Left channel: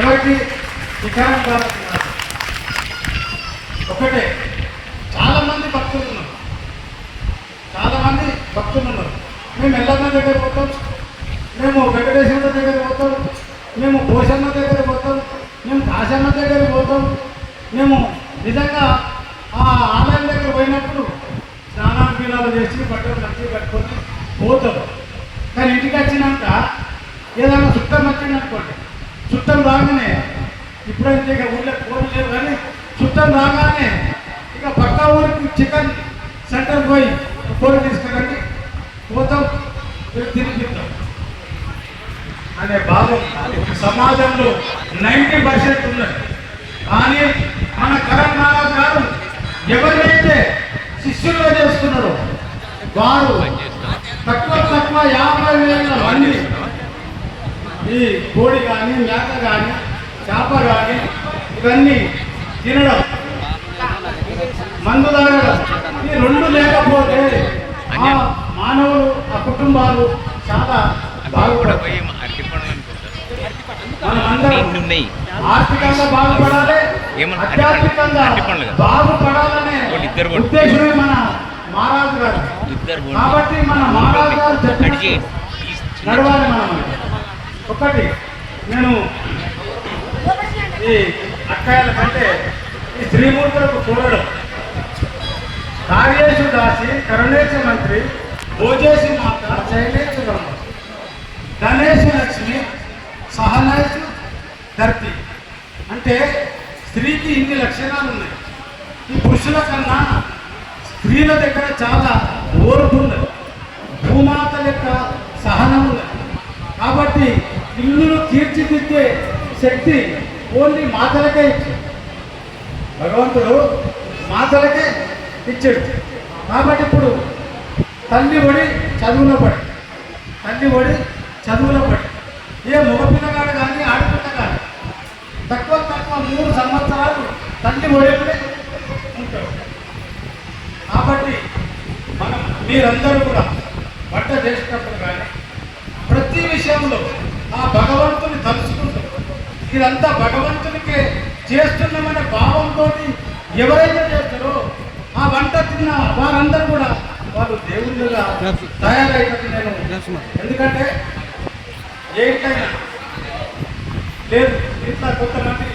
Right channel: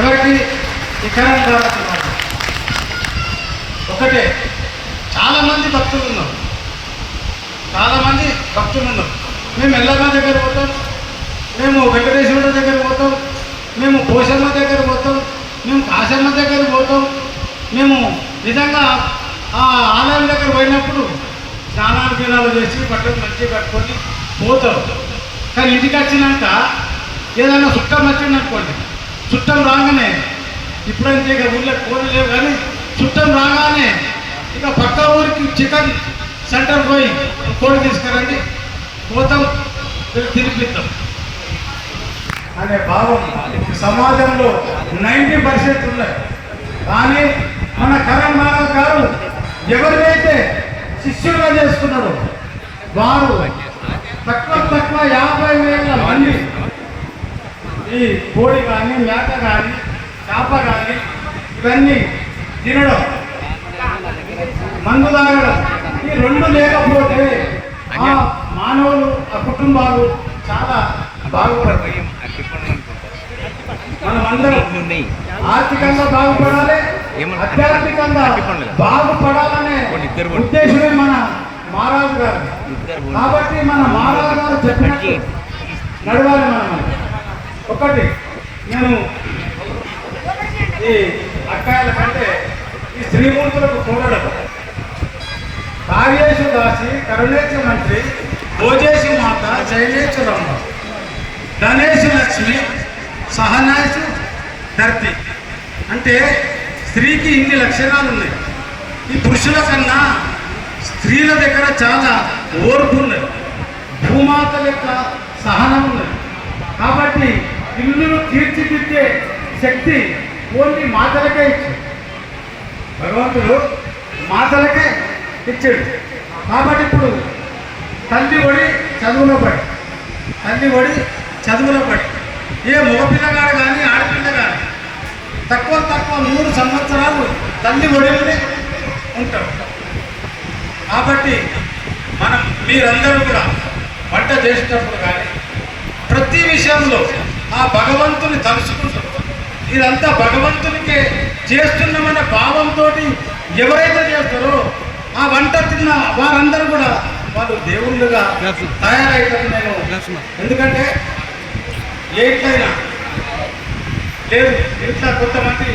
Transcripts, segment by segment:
ఎవరికి ఈ కరెంట్ కాబట్టి ఒకటే. చాలామంది భక్తులు ఉన్నారు, చాలామంది భక్తులు ఉన్నారు. మేము ఎల్లమ్మ దగ్గర పోతాం, మేము వెంకటేశ్వర దగ్గర పోతాం, మేము పోషమ్మ దగ్గర పోతాం, మేము కాశమ్మ దగ్గర పోతాం. మేము నిజంగా ఆ ఆలయం దగ్గర పోయినప్పుడు స్నానాలు దినాలు చేసి బట్టలు మంచిగా కట్టుకొని పోతాం. కానీ ఇంటికి వచ్చినాక ఏదైనా చుట్టం వచ్చిందనుకోండి, చుట్టం రాగానే ఇప్పుడైతే ఇక ఊళ్ళో కోడి లేవు, కానీ చుట్టం రాగానే ఇక పక్క ఊరికి చికెన్ సెంటర్ పోయి కోడి తీసుకురండి, పోతాం, తిరిగిస్తాం అనే భావం సమాజంలో 90% ఉన్నది. కానీ మన కరణ్ మాధవ్ గారు ఎవరినైతే శిష్యులుగా చేసుకున్నారో వారు తక్కువ 50,000 మంది ఈ కోడి కానీ మేక కానీ చేప కానీ ఇవన్నీ తినడం, మందు తాగడం, ఈ రెండు లేకపోతే ఆ మానవులు ఆ కుటుంబాలు చాలా బాగుపడతాయి. మనమందరం ఆర్థికంగా బాగుపడాలి, ఆధ్యాత్మికంగా బాగుపడాలనే ఉద్దేశమే మన మహారాజు గారు. కాబట్టి మన మహారాజు గారు చెప్పినట్టు నడవాలి. మనం ఒకటి, నేను ఈ అక్కాయల కంటే ఈ శ్రీమూర్తులకు చూడడం, కార్యేశు దాసి కరుణేశ మంత్రి భోజేశు మాత శైలేశ్వరమ్మ గణేశు లక్ష్మి సహనాయసు ధర్తి. అంటే స్త్రీకి ఇన్ని లక్షణాలు ఉన్నాయి. ఈ పురుషుల కన్నా స్త్రీల దగ్గర చాలా ఓర్పు ఉన్నది, భూమాత యొక్క సహనం ఉన్నది. కాబట్టి ఇల్లును తీర్చిదిద్దే శక్తి ఓన్లీ మాతలకే ఇచ్చాడు భగవంతుడు, మాతలకే ఇచ్చాడు. కాబట్టి ఇప్పుడు తల్లి ఒడి చదువులో పడి, తల్లి ఒడి చదువులో పడి ఏ మగపిల్లగాడు కానీ ఆడపిల్ల కానీ తక్కువ 3 సంవత్సరాలు తల్లి ఒడిలోనే ఉంటారు. కాబట్టి మనం మీరందరూ కూడా వంట చేసేటప్పుడు కానీ ప్రతి విషయంలో ఆ భగవంతుని తలుచుకుంటాం. ఇదంతా భగవంతునికే చేస్తున్నామన్న భావంతో ఎవరైతే చేస్తారో ఆ వంట తిన్న వారందరూ కూడా వాళ్ళు దేవుళ్ళుగా తయారైతారు. నేను ఎందుకంటే ఏ ఇంట్లైనా లేదు, ఇంట్లో కొంతమంది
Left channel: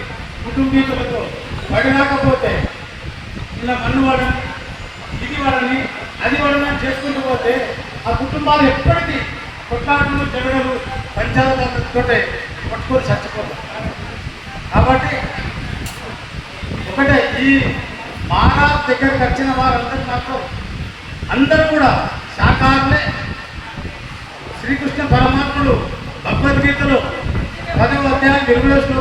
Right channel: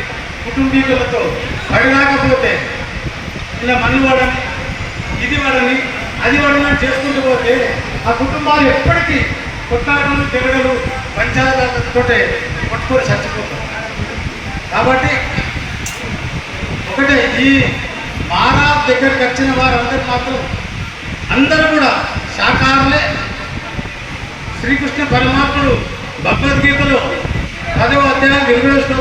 కుటుంబీకులతో పడినాకపోతే ఇలా మన్ను వాడని, ఇది వాడని, అది వాడని చేసుకుంటూ పోతే ఆ కుటుంబాలు ఎప్పటికీ కొట్లాటలు, జగడలు, పంచాయతీలతో పట్టుకొని చచ్చిపోతారు. కాబట్టి ఒకటే, ఈ మహారాజ్ దగ్గరికి వచ్చిన వారందరూ మాత్రం అందరూ కూడా శాకాహారులే. శ్రీకృష్ణ పరమాత్ముడు భగవద్గీతలో 10వ అధ్యాయం 20